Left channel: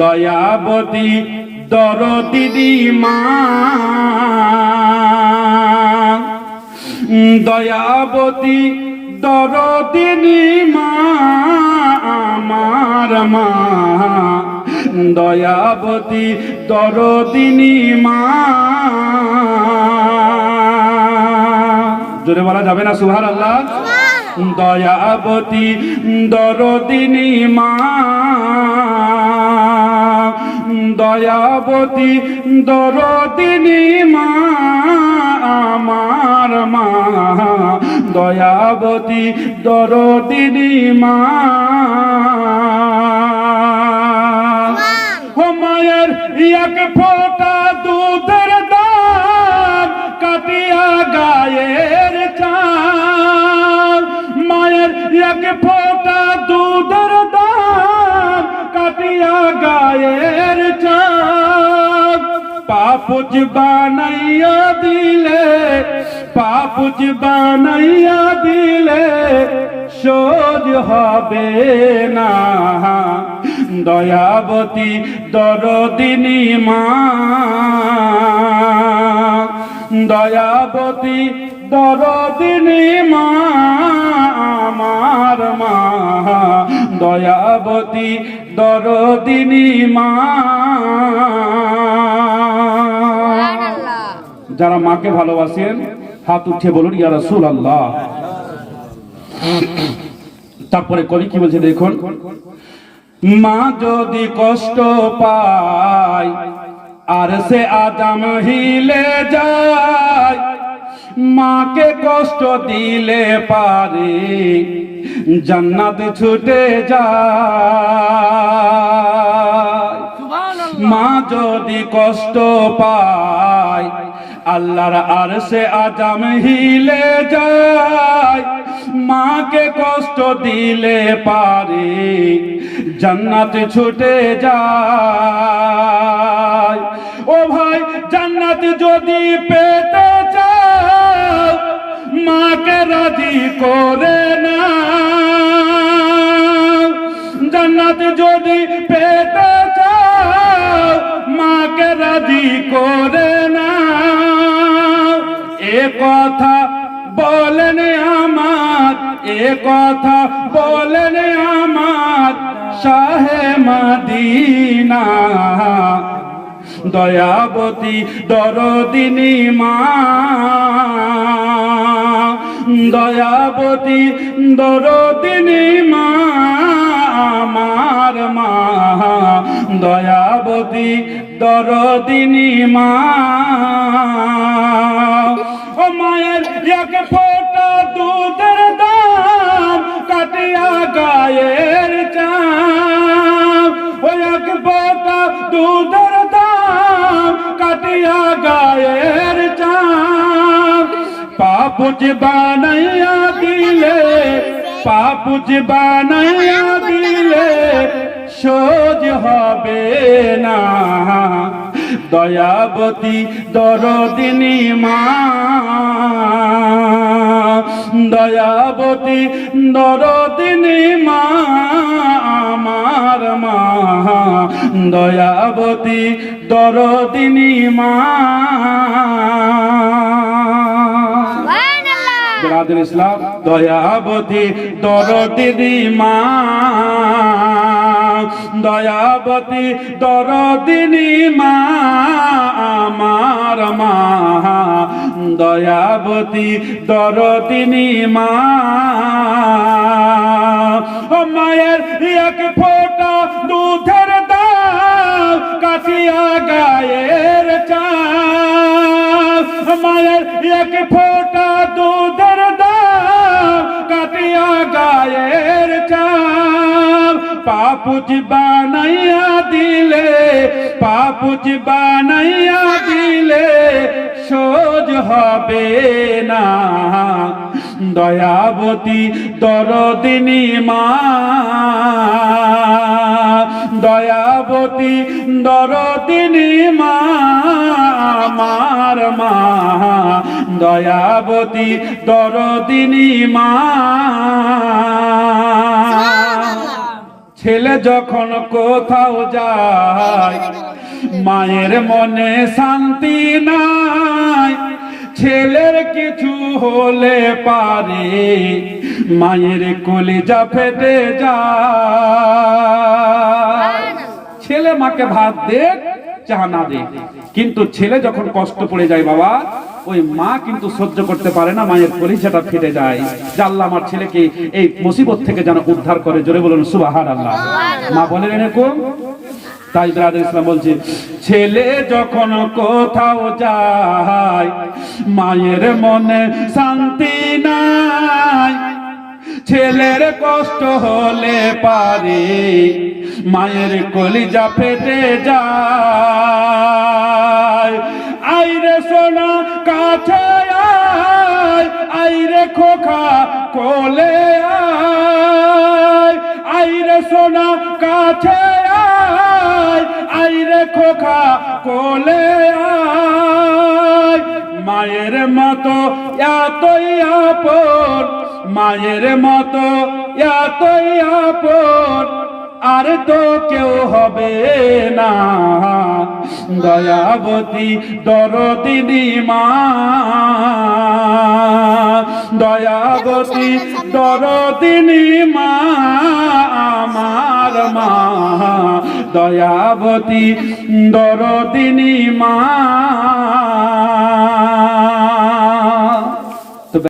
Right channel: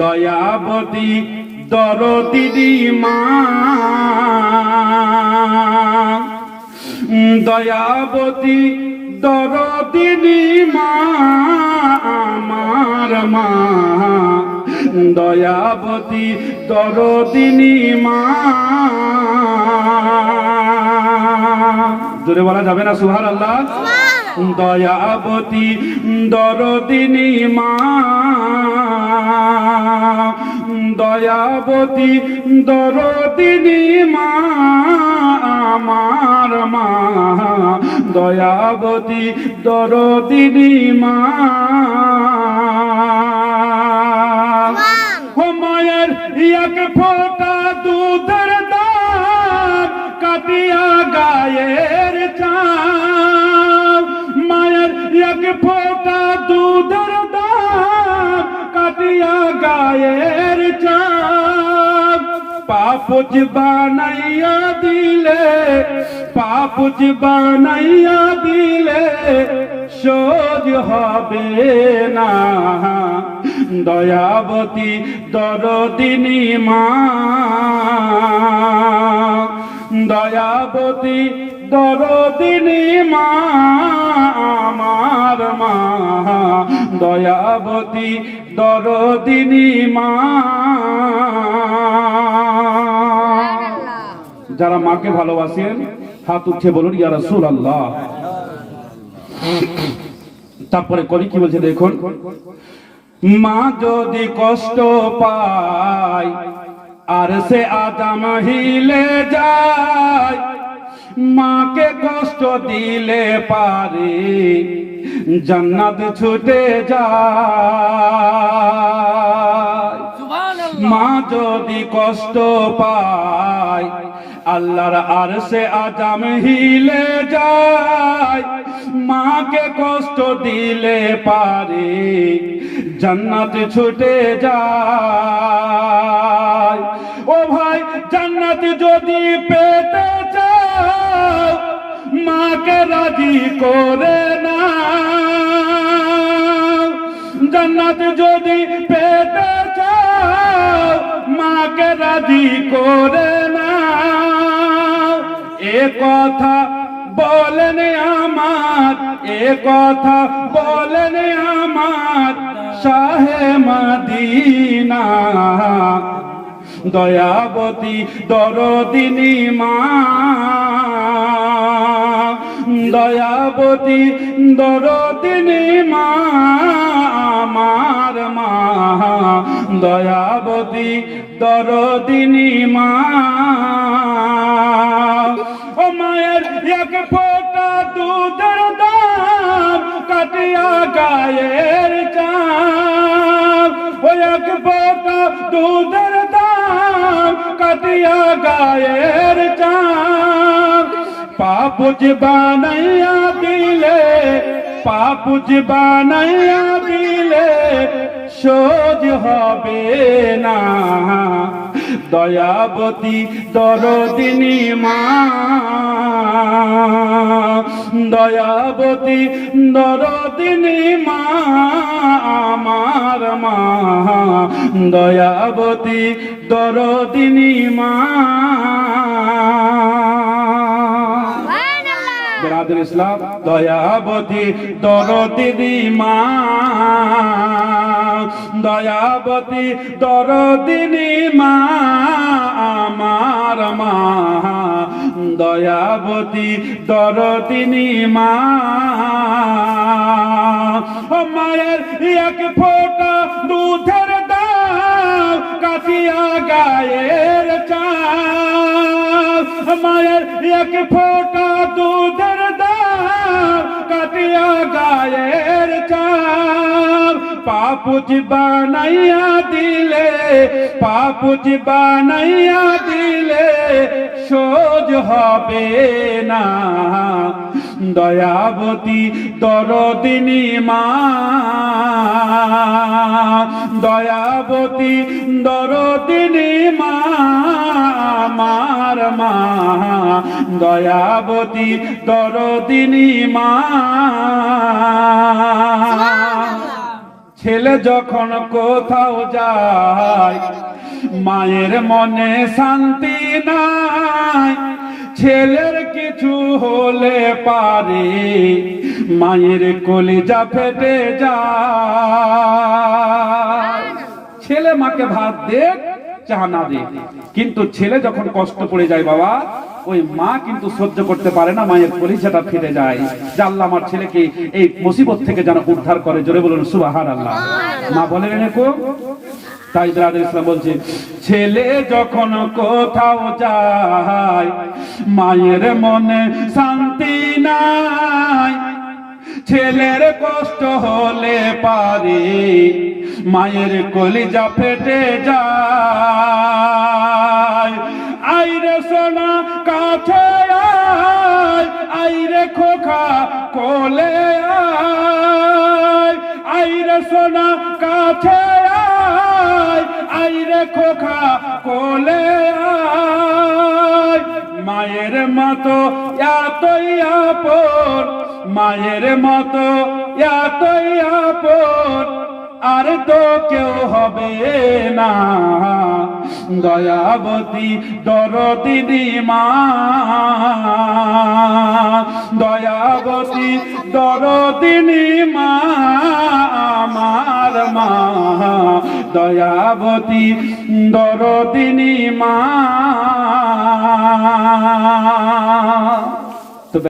দয়াবতী দরদিনী মা, দয়াবতী দরদিনী মা, আমার মা, দয়াবতী দরদিনী মা। জোরে বলা যাবে না সুবহানাল্লাহ? দয়াবতী দরদিনী মা, দয়াবতী দরদিনী মা, আমার মা, দয়াবতী দরদিনী মা। ও মায়ের এক ফোঁটা দুধের দাগ কাটিয়া গায়ের চাল, মায়ের এক ফোঁটা দুধের দাগ কাটিয়া গায়ের চাল, পাপুজ বানাইয়া দিলে, পাপুজ বানাইয়া দিলে সোজ হবে না। দয়াবতী দরদিনী মা, দয়াবতী দরদিনী মা, আমার মা, দয়াবতী দরদিনী মা। যারা মাকে ভালোবাসেন হাত উঠে বলুন ইয়া রাসূলুল্লাহ। তারপরে কলি কি বলছে দেখুন, মা যদি কষ্ট পায় আর সে আদম হিলে যায়, মাকে কষ্ট দিলে পারে জান্নাত ছুটে যায়। মা যদি কষ্ট পায় আল্লাহর আরশে আদম হিলে যায়, মাকে কষ্ট দিলে পারে জান্নাত ছুটে যায়। ও ভাই জান্নাত যদি পেতে চাও মাকে রাজি করে না, জান্নাত যদি পেতে চাও মাকে রাজি করে না। এ কথা বলেন আমার, এ কথা বলেন আমার শাহে মদিনা, দয়াবতী দরদিনী মা, দয়াবতী দরদিনী মা, আমার মা, দয়াবতী দরদিনী মা। ও মায়ের এক ফোঁটা দুধের দাগ কাটিয়া গায়ের চাল, ও এক ফোঁটা দুধের দাগ কাটিয়া গায়ের চাল, পাপুজ বানাইয়া দিলে, পাপুজ বানাইয়া দিলে সোজ হবে না। দয়াবতী দরদিনী মা, দয়াবতী দরদিনী মা, আমার মা, দয়াবতী দরদিনী মা। বিরাদুল ইসলাম, দয়াবতী দরদিনী মা, দয়াবতী দরদিনী মা, আমার মা, দয়াবতী দরদিনী মা। ও মায়ের এক ফোঁটা দুধের দাগ কাটিয়া গায়ের চাল, মায়ের এক ফোঁটা দুধের দাগ কাটিয়া গায়ের চাল, পাপুজ বানাইয়া দিলে, পাপুজ বানাইয়া দিলে সোজ হবে না। দয়াবতী দরদিনী মা, দয়াবতী দরদিনী মা, আমার মা, দয়াবতী দরদিনী মা। ছেলে যখন কোথাও যায় মায়ের মনে শান্তি নাই, ছেলের কিছু হলে পারে মায়ের কলিজা ফেটে যায়। ছেলে মাকে ভাত দে চা না দে, কিন্তু ছেলে যখন কষ্ট পড়ে যায় বাবা, ওই মা কিন্তু সহ্য করতে পারে না, মায়ের কলিজাটা ফেটে যায়। যে আল্লাহ আমার ছেলেকে এই মুসিবত থেকে যেন উদ্ধার করে, জোরে বলুন সুবহানাল্লাহ। মা বলেন এরকম। তাই ব্রাদার ইসলাম বলছে, ছেলে যখন কোথাও যায় মায়ের মনে শান্তি নাই, ছেলের কষ্ট হলে পারে মায়ের কলিজা ফেটে যায়। আইরে সোনা কাছে আয়, আইরে খোকা কোলে আয়, আইরে সোনা কাছে আয়, আইরে খোকা কোলে আয়। মায়ের মতো এতই আপন, মায়ের মতো এতই আপন আর তো কেউ হবে না, দয়াবতী দরদিনী মা, দয়াবতী দরদিনী মা আমার মা, দয়াবতী দরদিনী মা।